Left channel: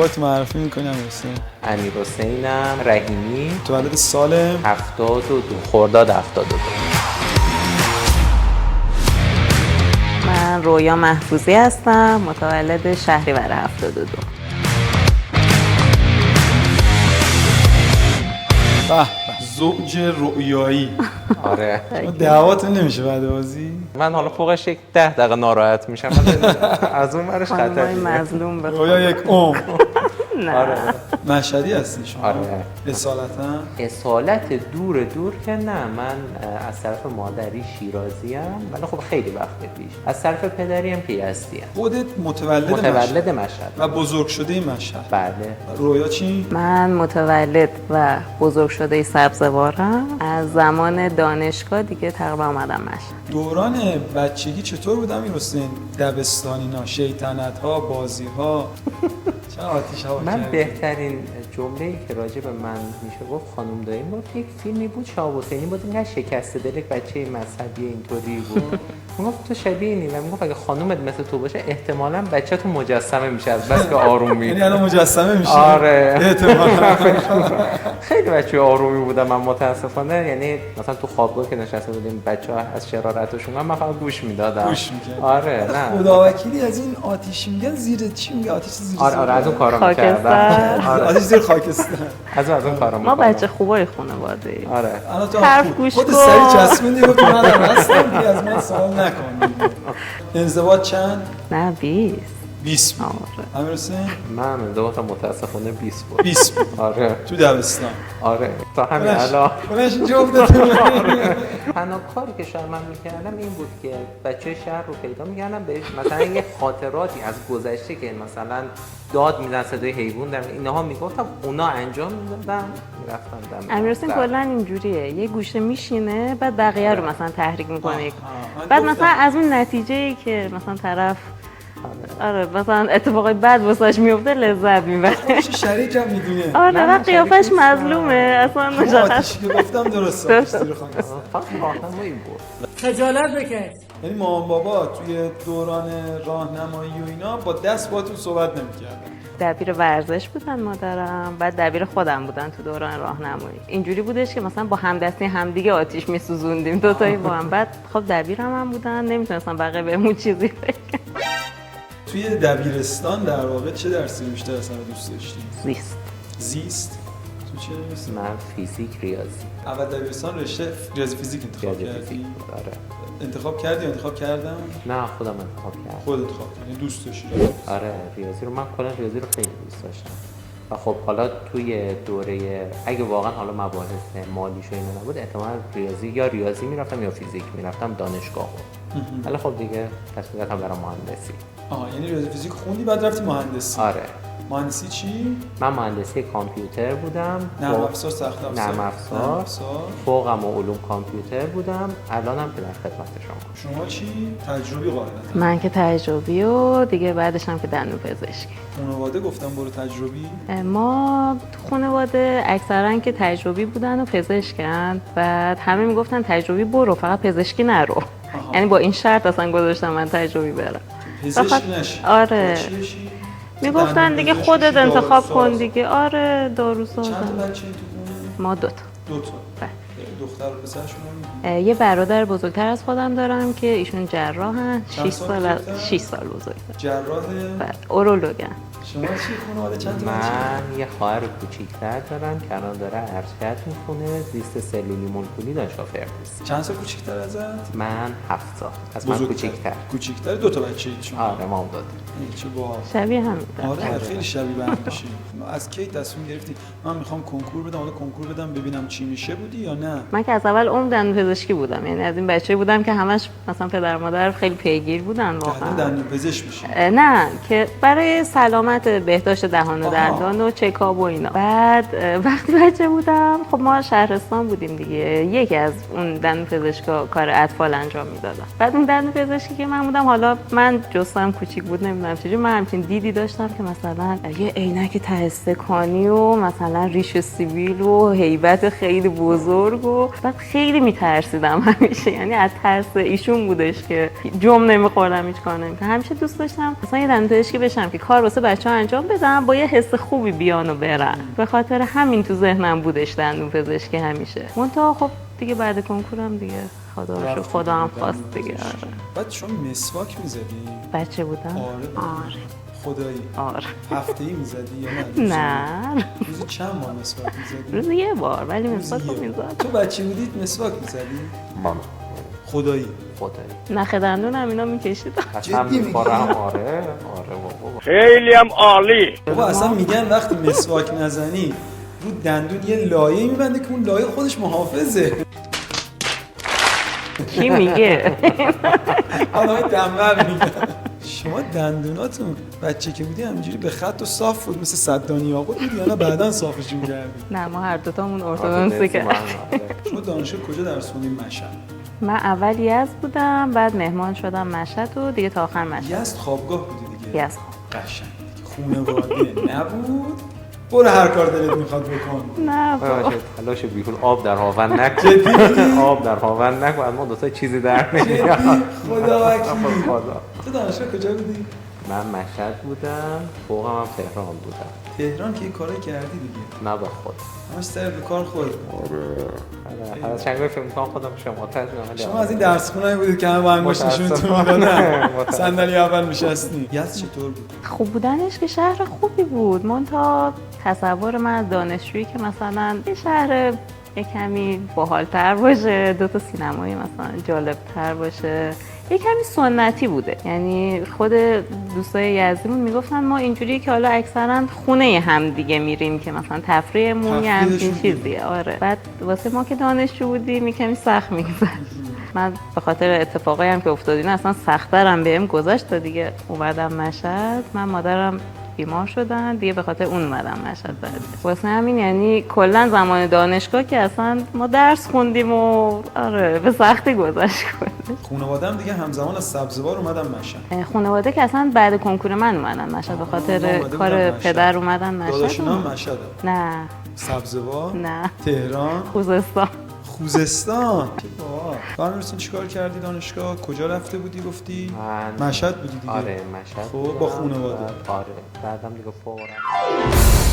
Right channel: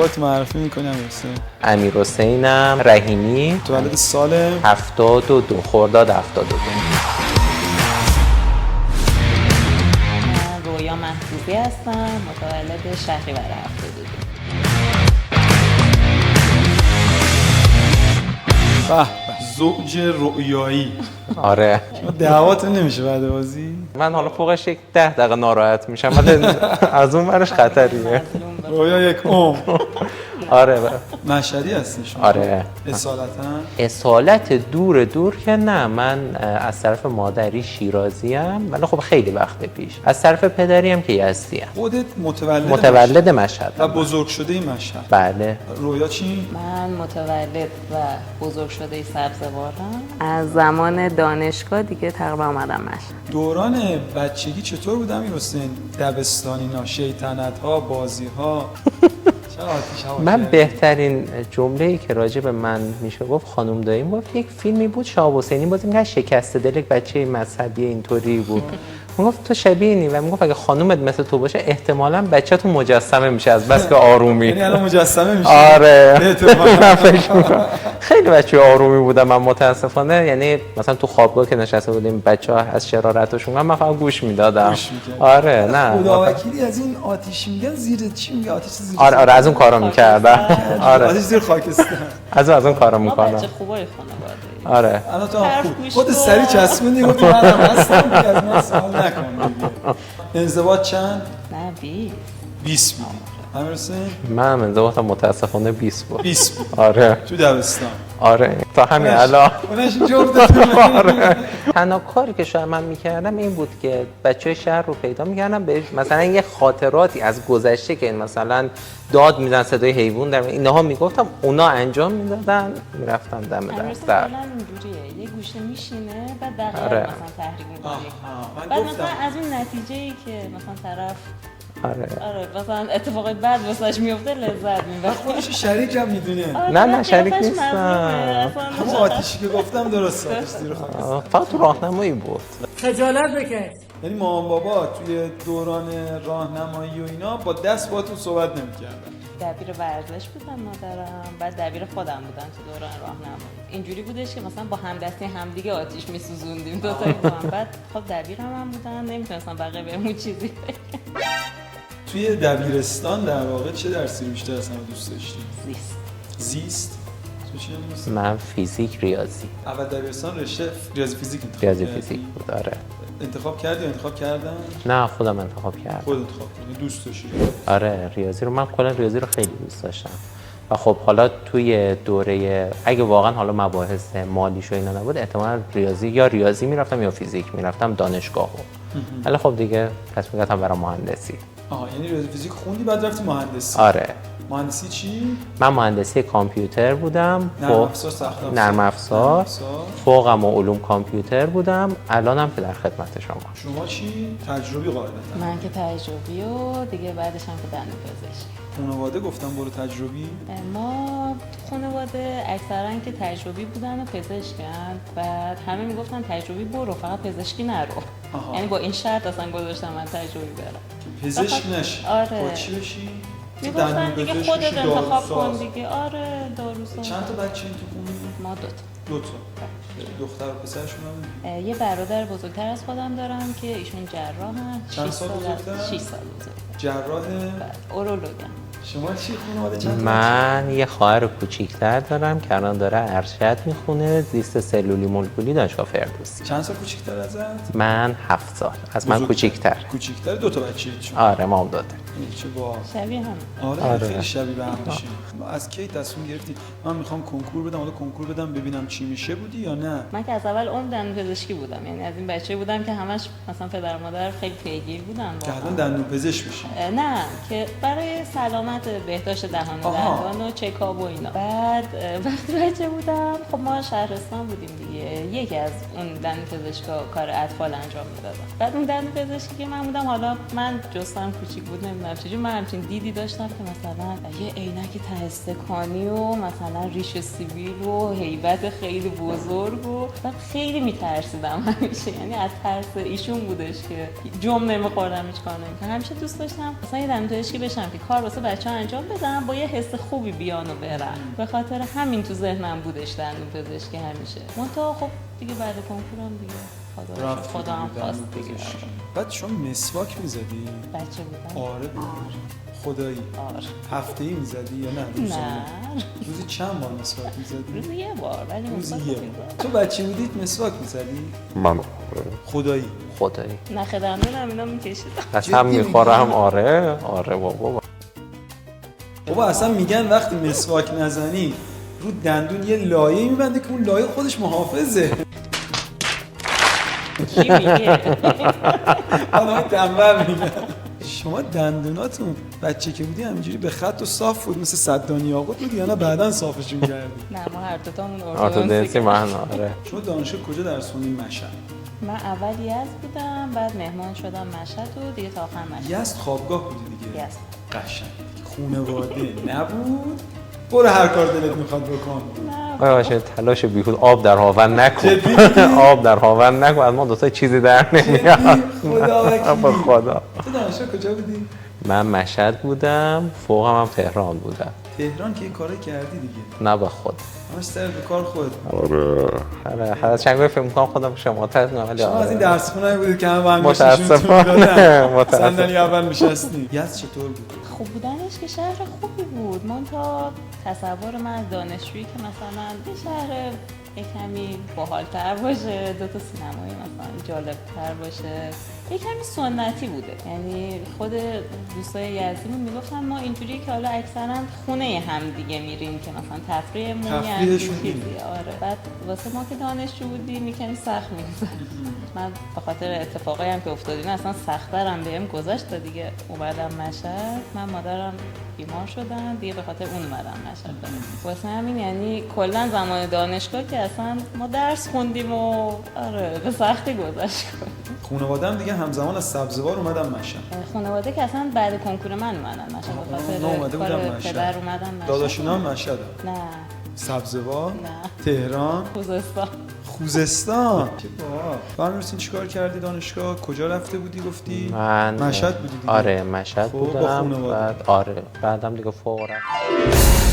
خودت معرفی می‌کنی امیرحسین؟ امیرحسینم رحیمی، متولد سال 72 خرداد 72. من رویا محفوظی هستم، متولد شهریور 72. به به، زوج رؤیایی. آره شما دعواتون نمیشه بعد بازی؟ من حالا فوقش یک 10 دقیقه ناراحت میشم از اون برش خطریه. مظلوم بخور. رویا یک عمر. آره مشهدی هستی شما؟ آره. اصالتا؟ اصالت دور که نه، من از طرف مادری شیرازی ام، ولی خب خیلی وقت پیش. از طرف پدری هم که یزدی ام. خودت متولد مشهد و بزرگ شده این مشهد. بله. رویا چی؟ من متولد و بزرگ شده سبزوارم. از زمان دانشگاه دیگه تقریبا اومدم مشهد. دوران بچگی چطور بود امیرحسین؟ دبستانینا، شیطنت‌ها، بازی‌ها. چه آتیش هوا من کردی؟ بهترین جمله‌ای که راجع به من میشه گفت خانم داییم گفت یک فیلمی بود شهاب حسینی بازی می‌کرد شکسته دل یک بچه مذهبی اینطوری بود. میگفت تو شبیه اینی و میگفت اگه خانومت مثل تو باشه احتمالاً بچه‌تون مجسمه میشه از بس که آرومی. یعنی الان مجسمه میشه. آره. احتمالاً. خیلی بچه آرومی بودم من متاسفانه، یعنی مثلا تو خوابگاه که نشسته بودیم بچه‌ها از شرارتشون من فقط گوش میدادم. گوش می‌کردی. آره نه. خداوکیلی از این آتیش میگن زیر چی میگه آتیش زیر؟ آره از اون کارا می‌کردم. خاکستر. آتیش زیر خاکستر. از اون کارا ما می‌کنم. بچه خوبای خانواده. آره. الان تو حرف خود گوش خود کن. سری چسبوندی گفت منم هستم دیگه از من سوال نکن دیگه. ازدواج چند؟ نه 20. 20 بود. امیرحسین من ازدواجم متاسفانه 20 بود. 20 بود. آره تو دبستان. آره تا همین الان. اونش جفتتون. تنها کاری که شاید من میکردم این بود که بچه شهر رو پیدا میکردم بهش مثلا یه خاطراتی از گذشته که مثلا داد میدن صدای حیوان در اینها میگفتم اونا انجام میدادن میرفتم دم امیرحسین کلا اینجوریه، یه گوشه میشینه بعد بقیه آره. رو مثلا تحریک میکنه. من بعد گفتم. مثلا از اون نتیجه‌ای که مثلا طرف آره. مثلا اتفاقای بد واسش میفته لذت میبره. خودش شریک هم میدونه. آره نه، نه شریک قیافش نیستم. مظلومه اصلا. همون آتیشی که گفتم درسته آتیش زیر خاکستر. فقط راهنمایی بود. خجالت بکش. یعنی مامان بابا توی دوران راهنمایی و اینا با دست باهاتون صحبت نمی‌کردن. دبیر ورزش بودن مادرم، بعد دبیر خودم بودن تو دوران راهنمایی. اینجوری بودش که مثلا با همدستی همدیگه آتیش میسوزوندیم دو تایی با هم. بعد خب دبیرم هم بودن، نمیتونستم بقیه بهمون چیزی بگن. توی دبیرستان در واقع چه درسی رو بیشتر از همه دوست داشتی؟ زیست. زیست؟ تو چه درسی؟ من فیزیک ریاضی. اول دبیرستان رشته ریاضی فیزیک انتخاب ریاضی کردی؟ فیزیک بود آره. انتخاب کردی یا انتخاب کردن؟ نه خودم انتخاب کردم. خود انتخاب کردی، دوست داشتی ریاضی؟ آره ریاضی رو من کلا ریاضی رو خیلی دوست داشتم و خب حالا توی دوره اگه واقعا حالا مباحث مالیش و اینا نبود احتمالاً ریاضی میرفتم یا فیزیک میرفتم دانشگاه. ولی خب دیگه تصمیم گرفتم برام مهندسی. یعنی ریاضی فیزیک خوندی بعد رفتی مهندسی؟ آره مهندسی چی؟ من مهندسی کامپیوتر بودم. نرم افزار، سخت افزار؟ نرم افزار. فوقم و علوم کامپیوتر بودم. الانم که در خدمت شما. شما چی؟ تجربی قاعدتا. من که تجربی و دیگه بعدش هم که دندون پزشکی. خانواده گفتم برو تجربی؟ ما تو خانواده اکثرا که تجربی بودن و پزشکن، بعد همه میگفتن تجربی برو فقط پزشکی نرو. یعنی با این شرط اصلا گذاشتم من تجربی برم. پزشک نشی؟ آره. چی بشی؟ میگفتن دیگه دندون خودت پزشک بشی، انتخاب داروساز. کن دیگه. آره داروساز. چند تا بچه این تو خونه؟ ما دوتا. دوتا. دختر و پسرشون هم؟ یه برادر بزرگتر از خودم دارم که ایشون جراحن. چند 6 سال سال بزرگتر؟ 6 سال بزرگتر. جراح؟ اورولوگن. شما چی خانواده چند تا بچه؟ من یه خواهر کوچیک‌تر دارم که الان داره ارشد میخونه زیست سلولی مولکولی دانشگاه فردوسی. چند سال کوچیک‌تر ازت؟ من 7 سال از من کوچیک‌تر. کوچیک‌تر. دو تا بچه ایت شما؟ آره ما دادیم. چه با شبیه هم. آره خیلی شبیه به هم میشین. از کی تصمیم گرفتی من میخوام کنکور بدم، حالا کنکور بدم ببینم چی میشه بودی یا نه؟ من که از اول دندون پزشکی بودم، یعنی از این بچه‌ای بودم که همش مثلا پدر مادر خیلی پیگیر بودن که الان واقعا. دندون پزشک میشی؟ نه که برای سلامت بهداشت دهان و آها. دندان و چکاب و اینا. بعد وقتی بچه بودم خب ما شهرستان بودیم دیگه، یکی از اون دندون پزشکا کار اطفال انجام میدادن. بعد اون دندون پزشکی که من بودم، حالا من جستم کوچیک بود نمیدونم چجوری، من همچین دیدی داشتم که مثلا یه عینک ته استکانی و مثلا ریش سیبیل و هیبت خیلی بزرگ بزرگ و بعد خیلی میترسیدم همیشه، یعنی از ترس ایشون بودش که جم نمیخوردم، هیچ کار نمی‌کردم. همیشه دوست داشتم مثلا یه دندونپزشکی بشم که کار واسه بچه‌ها انجام بدم، با یه حس خوبی بیان و برن. به خاطر همین تو ذهنم بودش دندونپزشکی همیشه. منتها خب دیگه بعد کنکورم دیگه خدا رو شکر خدا هم خواست دیگه. بعد شما مسواک میزدی؟ بچه بودم. آره. خدایی. آره. هفته‌ای میزدی یا نه؟ نه. روزی چند بار مسواک میزدی؟ روزی یه بار، ولی مسواک میزدم. تو بچه بودید مسواک میزدی؟ من خدایی. خدایی نخ دندونم اینا میکشیدم. قسم میخورم. آره بابا خیلی هم عالی. بابا اصلا میگن وقتی مسواک نزنی رو دندون یه لایه میبنده که اون لایه خودش محافظه. کی میگه؟ آدمای تنبل میگن. شما دندوناتون بچه که بودی همینجوری به خط و صاف بود مثل صدانی یاقوت بودی یا نه بعداً صافشون کردی؟ نه ما هر دوتامون ارتودنسی ارتودنسی من. کردیم. آره شما دانشگاه کجا درس خوندین؟ مشهد. من اول یزد بودم، بعد مهمان شدم مشهد و دیگه تا آخر مشهد. یزد خوابگاه بودی دیگه؟ یزد. قشنگ دیگه. خونواده نبود؟ برو هر کار دلت میخواد بکن. نه باشه تلاش بیهود. آب در هاون نکن. جدی میگی؟ آب در هاون نکن. از ما دوتا چیزی در جدی؟ نمیاد. خدا وکیلی. خدا. تو دانشگاه کجا بودی؟ من مشهد بودم، فوقم هم تهران بودم. تهران که یه کارایی کردی دیگه. نه به خود. همش سرت به کار خود. آره هر چند فکر می‌کنم خودم شما شما از این درس خونه‌ای بودید که همه انگشتشون میدادن. صندلی اول میشستی. یزد چطور بود؟ خوب بودنش که شهر خوبی بود. منتها تصور من از دانشجویی که مثلا یه شهر یه کمی باحال‌تر باشه، دو تا سینمایی مثلا جالب‌تر باشه، یه کمی سنتی بوده. یعنی خود دوستای یزدیمون میگفتن ما اینجوریه که حالا اکثرا خونه هم دیگه میریم که مثلا تفریحمون یه همچین چیزیه. آره. بعد واسه ما که دانشجو بودیم یه کمی سخت میگذشت. من به خاطر اتفاقی هم که افتاد اینا اصلا سخت‌ترم بهم گذشت تا دیگه اومدم مشهد. من مادرم بیمار شدن دیگه، به خاطر اون اومدم مشهد. واسه همین یعنی کلا زمان دانشگاه که اصلا ما درس خوندیم و آره به سختی گذشت. خانواده‌ام دیگه همزمان از سبزوار اومدم مشهد. خانواده که اصلا بعد کنکور من اومدن مشهد، به خاطر کار پدر اومدن مشهد. داداشونا هم مشهدن؟ نه. سبزوار؟ نه. تهران؟ خوزستان. خوزستان. چه باحال. تو امیرحسین چیکار کردی دانشگاه؟ کجا رفته بودی گفتی؟ من مشهد بودی دیگه. آره مشهد خب بودم. با خانواده. آره بعدم دیگه فوق العاده